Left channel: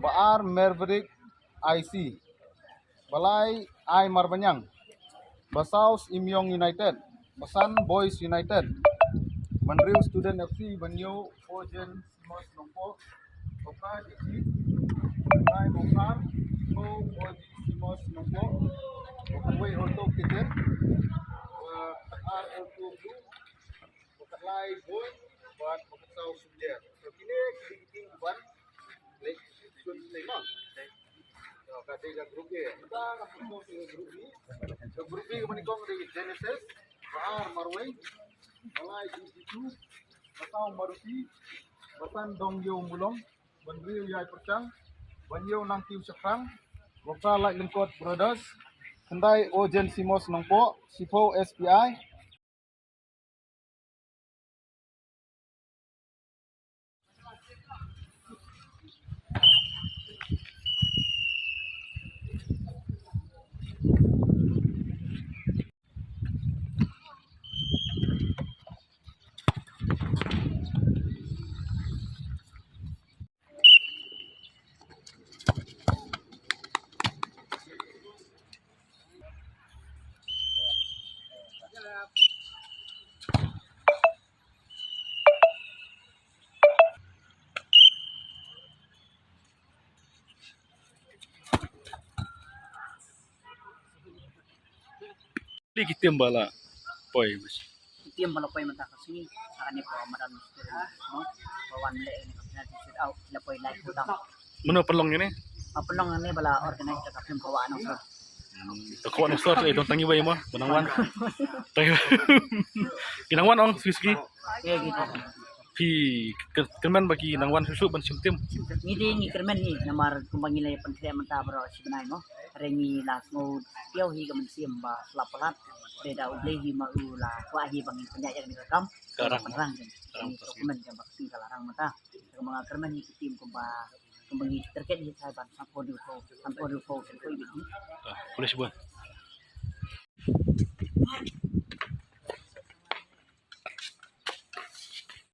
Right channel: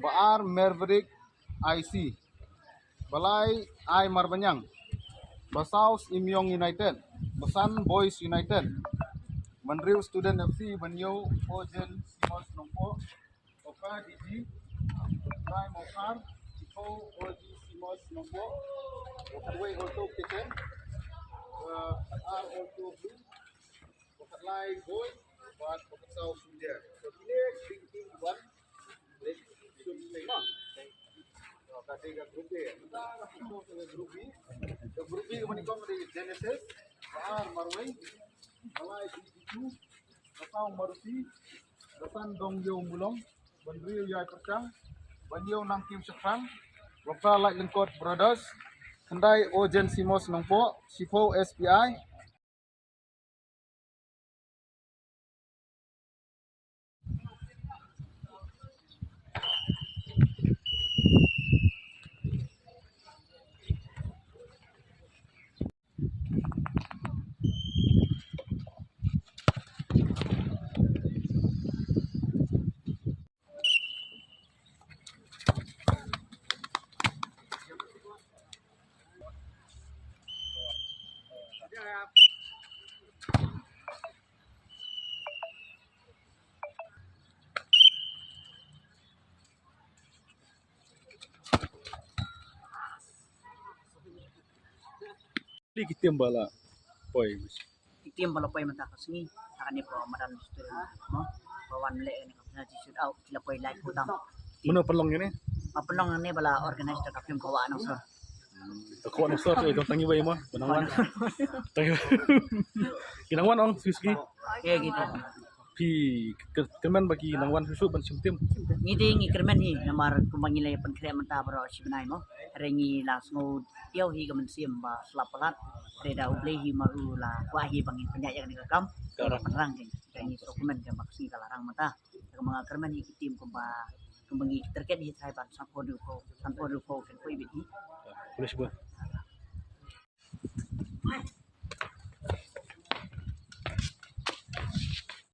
Baar Maverick IC, Balai I Marbanyang, Basaus Imyong United, Basan Boys United, Mandriu Student FC Banyo Ojen Simos Nongpo, Oka Diji, Kai Mokar, O Oji Simos Nongpo, Okaway Auto Kitchen, R Auto Blue, Okatlai Boy, buat Okasau Sunjer. So kini tim buat lek sun tema. Kata dia grup B. Kita masuk ke grup B. So grup B kemana kau dari Genesis, Baar Marway, Malai G2, Basau Marusi, Basan Dongyo Mulong, Bandriu Yai Percang, Banyo Nangkim Syafran, Gopra Light Lengkot Brothers, Kendai Ojen Simos Nongpo, Sipo SPI. Di kita bala poi mas. Itim bala poi mata kasini akan ni po maram no bawan le ni kapina shoot out sila poi like putam Mana pelong ni? apelong ni bala organize ta kapim kawa nang sir Takut nak start eh, tangi bayi mah, benangwan. Tangi. Kinangwan ong Swiski. ya gitu Pi kemen bagi nangwan susu ban simtim. ni ding ni kermen ni namar kumbangi le pen kre mata bro sibnai mo rengi las ngo tiau hi kamen sim ba slapalat reda uble hi ma ula wa hi bangin penyaya ni kam Karang. perang ni dokumen jam baksi kalarang mata kemanga kermen hi tim kumba kumbangi terkait hi sai ban sampo du ko kan ko biti Boleh sebut.